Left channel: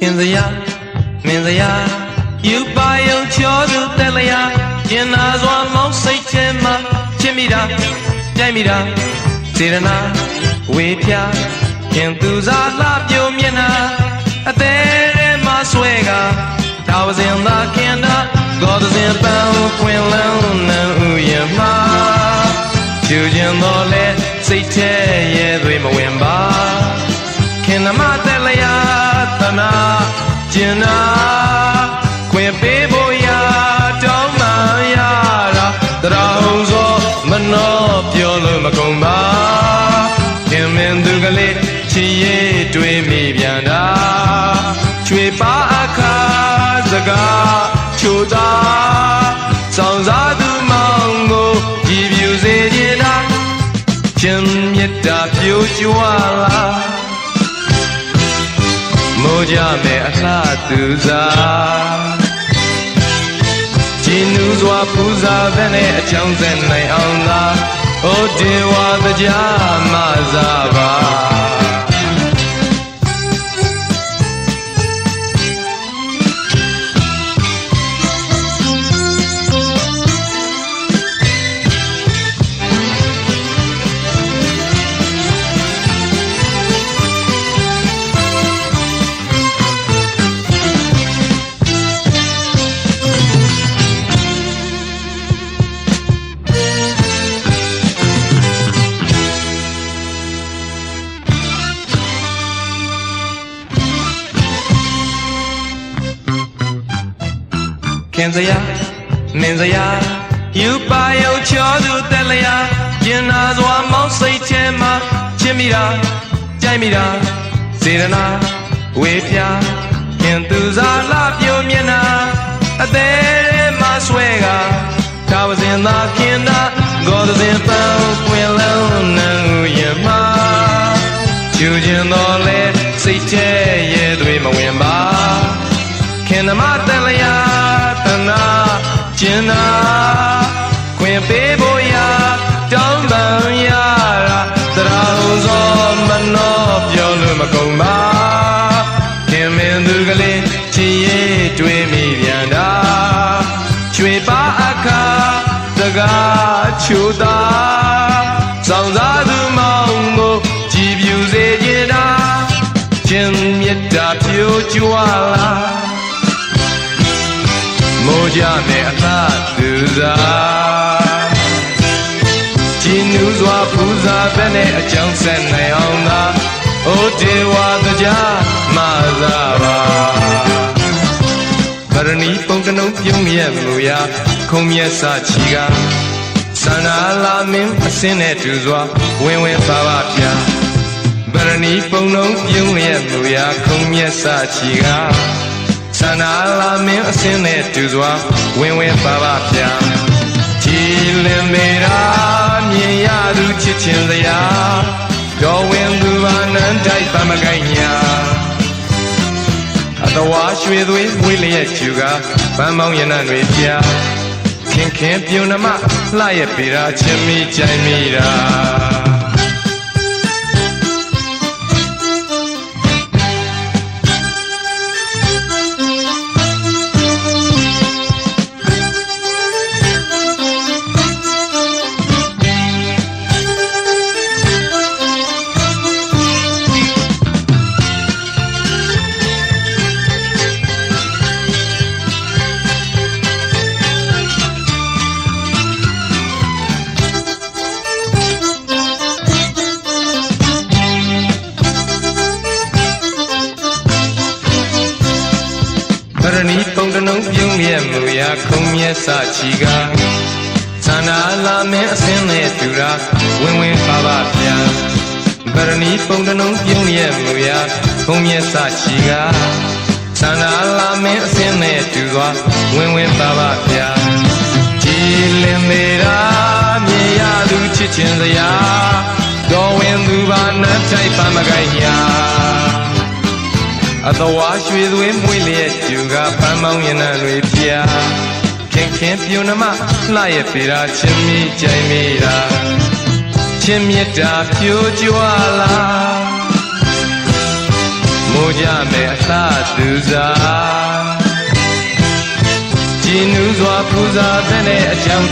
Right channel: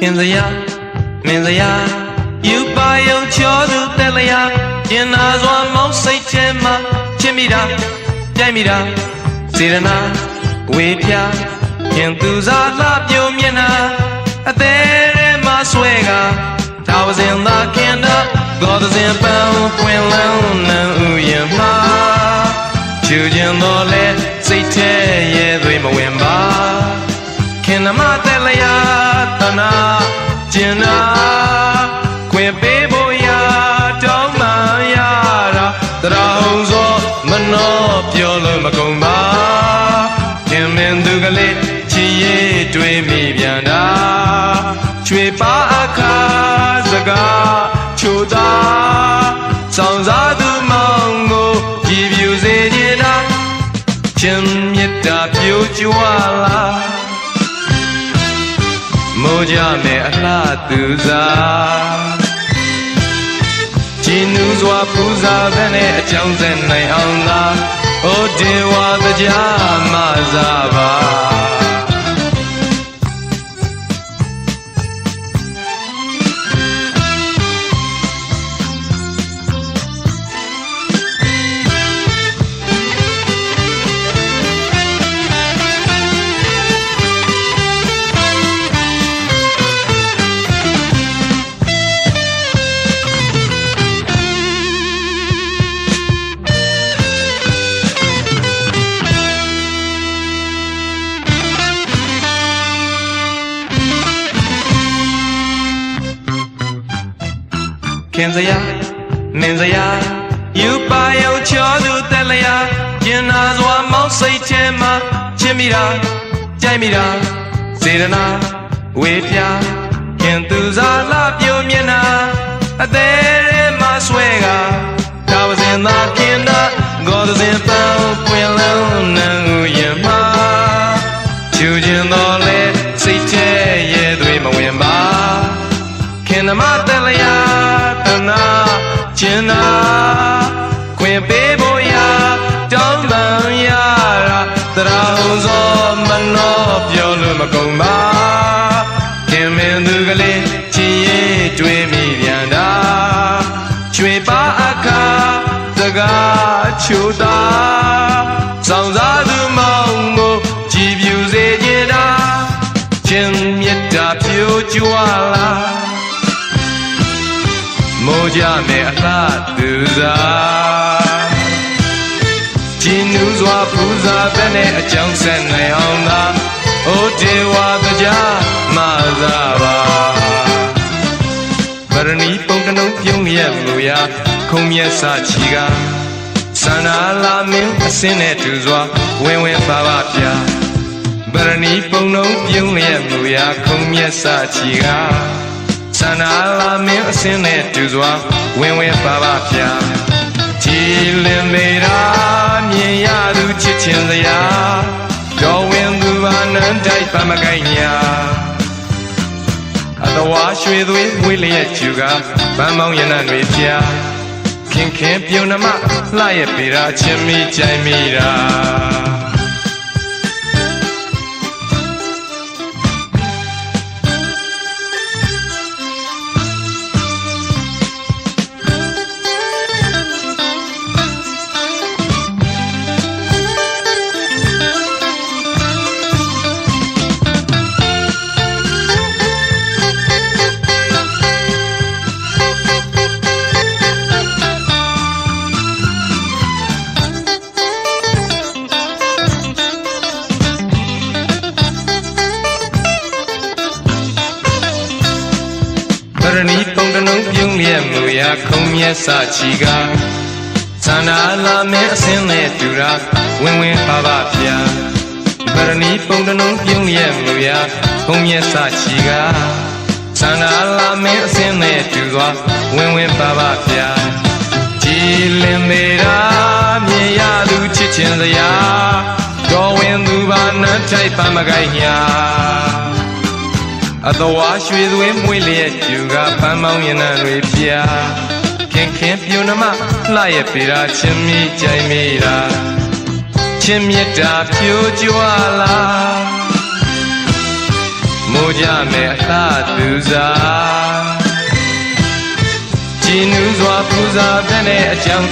ခင်စရာမင်းစရာယူပါယုံချောသူတဲ့လျာကျင်နာစွာမောင်းစိတ်ထဲမှာချစ်မိတာကြိုက်မိတာစေရနာဝေပြခင်သူစားလှပြိုမျက်နှာအသေးမှဆွဲကသာဝစဉ်သာခင်တော့ဂေါ်သစဉ်ပန်းခွင်လန်းနံဥယမချူခြင်းတော်လဲစိတ်ထဲရဲသွေးမဝင်ပါခင်နမတဲ့လျာတနာကျင်နာခွင်ပေးဖို့ရာတောင်းမှရတာတရာဟုံစောမနှောပြောလို့မကုန်ပါခင်မင်းသူကလေးချီရေးတွေးမိပြန်တာချွေပါအခါစကားချိုသာဆောင်စားသူမောင်ကိုကြည်ပြူစေခြင်းလားချင်းမြတ်တာပြိုကြွလာမိုးကြမဲ့အလှသူစားကြည်နူးစွာပူဇာတဲ့နဲ့အကြောင်းဆက်နိုင်အောင်သာဩဒေဝတရားမစားပါခင်စရာမင်းစရာယူပါယုံချောသူတက်လျာကျင်နာစွာမောင်းစိတ်ထဲမှာချစ်မိတာကြိုက်မိတာစေရနာဝေပြခင်သူစားလှပြိုမျက်နှာအသေးမှဆွဲကသာဝစဉ်သာခင်တော့ဂေါ်သစဉ်ပန်းပွင့်လုံးနံဥယမချူခြင်းတော်လဲစိတ်ထဲရဲသွေးမဝင်ပါခင်နမတက်လျာကျင်နာခွင်ပေးဖို့ရာတောင်းပန်ရတာတရာဟုံစောမနှောပြောလို့မကုန်ပါခင်မင်းသူကလေးချီရေးတွေးမိပြန်တာချွေပါအခါတကားချိုသာဆောင်စားသူမောင်ကိုကြည်ပြူစေခြင်းတာချင်းမြတ်တာပြိုကြွလာမိုးကြမဲ့အလှသူစားကြည်နူးစွာပူဇာတဲ့နဲ့အကြောင်းဆက်နိုင်အောင်သာဩဒေဝတရားမသာပါဗရဏီပုံကလုံးပြုံးရဲ့လို့ရာခုံမြတ်စာချီကစန္ဒာလာမင်းအစင်းနဲ့တူစွာဝင်ဝင်ပါပါဗျာဗရဏီပုံလုံးပြုံးရဲ့လို့ရာခုံမြတ်စာချီကစန္ဒာလာမင်းအစင်းနဲ့တူစွာဝင်ဝင်ပါပါဗျာကြည်လင်မေရာမြင်ရသူချစ်ချင်းစရာတော်ဝင်သူပါနန်းတိုက်ပါမကိုင်းညာအတော်ဝါရွှေသွေးဝေးလျက်ကျူကဗန်းမောင်းရနံတွေပြခင်ခင်ပြုံနမလှရဲ့ပေရာချင်းမိကြိုင်မိတာဗရဏီပုံကလုံးပြုံးလျက်လို့ရာခုံမြတ်စာချီကသန္နာလာမင်းအစင်းနဲ့တူတာဝင်ဝင်ပါပါဗျာဗရဏီပုံကလုံးပြုံးလျက်လို့ရာခုံမြတ်စာချီကသန္နာလာမင်းအစင်းနဲ့တူသွားဝင်ဝင်ပါပါဗျာကြည်လင်မေရာမြင်ရသူချစ်ချင်းစရာတော်ဝင်သူပါနတ်ထိုက်ပါမကိုင်းညာအတော်ဝါရွှေသွေးမွေးလျက်ကျူကပန်းမောင်းရနံတွေပြခင်ခင်ပြုံနမလှရဲ့ပေရာချင်းမိကြိုင်မိတာချင်းမြတ်တာပြိုကြွလာမိုးကြမဲ့အလှသူ စားကြည်နူးစွာပူဇာပဲနဲ့အကြောင်း